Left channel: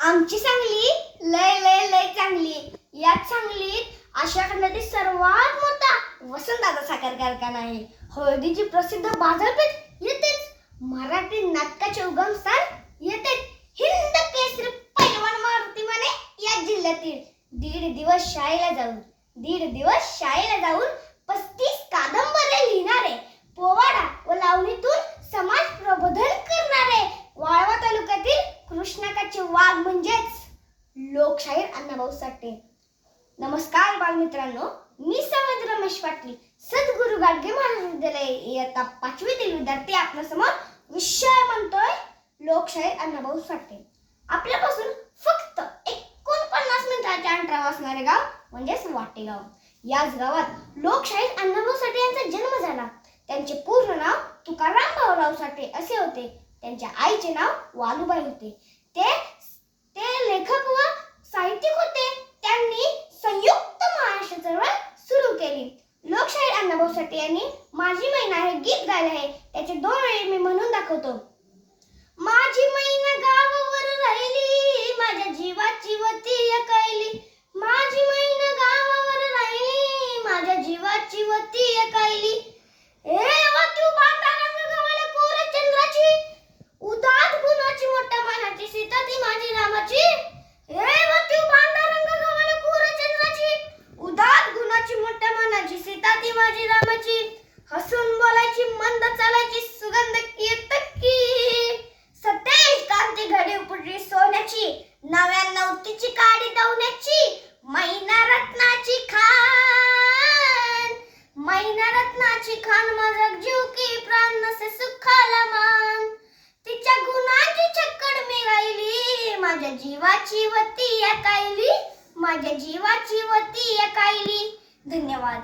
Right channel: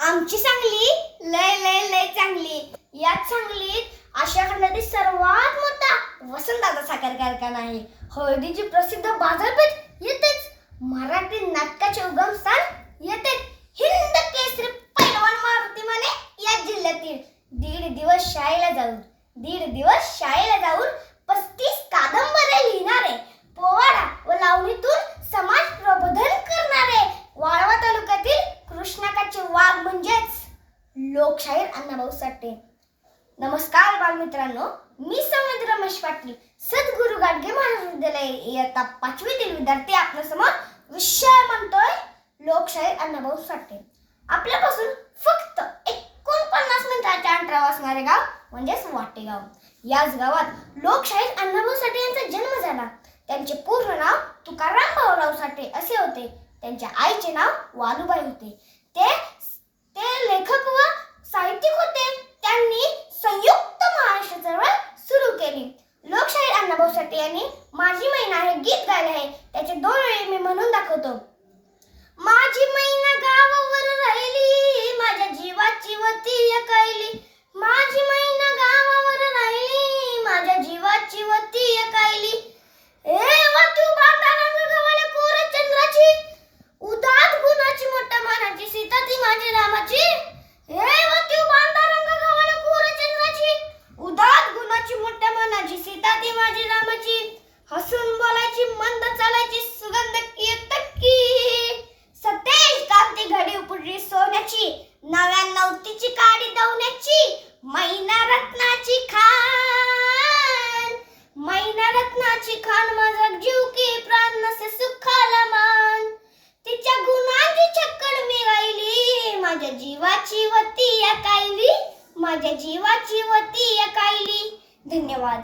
आमची सांगली लय लय लय चांगली. याच सांगलीत आशिया खंडातील सर्वात मोठा वसंतदादा साखर कारखाना आहे. हळदीची प्रसिद्ध बाजारपेठ येतेच. मराठी नाटकाचे उगमस्थान येतेच. हिंद केसरी पैलवान मारुती माने या जिल्ह्यातील. दीड दिवस शाळेला जाऊन 35 कादंबऱ्या लिहिणारे, पोवाडा व लावणीतून समाज प्रबोधन करणारे वाळवा तालुक्यातील कृष्णाकाचे वाघ म्हणजेच लोकशाहीर अण्णाभाऊ साठे. नमस्कार बालमित्रांनो, मी समेद रमेश पाटील, सद्गुरू गाडगे महाविद्यालय इयत्ता 5वीतील विद्यार्थी आपल्यासमोर विषय म्हणतोय लोकशाहीर अण्णाभाऊ साठे. आपल्यापासून फक्त 49 मिनिटाच्या अंतरावर असणारे गाव म्हणजेच वाटेगाव. याच गावात लोकशाहीर अण्णाभाऊ साठे यांचा जन्म झाला. त्यांचे पूर्ण नाव तुकाराम भाऊराव साठे असे होते. त्यांच्या आईचे नाव वालुबाई होते. ते लेखक व साहित्यिक होते. त्यांनी संयुक्त महाराष्ट्र चळवळ सुरू केली. लोकशाहीर अण्णाभाऊ साठे यांनी माझी मैना हे गीत गायले आहे. त्याचे 2 ओळी मी म्हणून दाखवतो. माझी मैना गावावर राहिली, माझ्या जीवाची वती अकायली. माझी मैना गावावर राहिली, माझ्या जीवाची वती अकायली. तू बांधा रंग गव्हाळ्या कोर चंद्राची, उदात गुणाची मोठ्या मानाची, सीता ती माझी रामाची. तू बांधा रंग गव्हाळ्या कोर चंद्राची, उदात गुणाची मोठ्या मानाची, सीता ती माझी रामाची. हसून बोलायची, मंद चालायची, सुगंध कीर्तकी, सतेज कांती घडी उपडली सोन्याची, 99 तिची काडी दवण्याची, मैना रत्नाची खान, मैना रत्नाची खान, माझा जीव की प्राण नसे सुखाला मान. तिच्या गुणांची छक्कड मी गायली, माझ्या जीवाची वती अकायली, माझ्या जीवाची वती अकायली. धन्यवाद.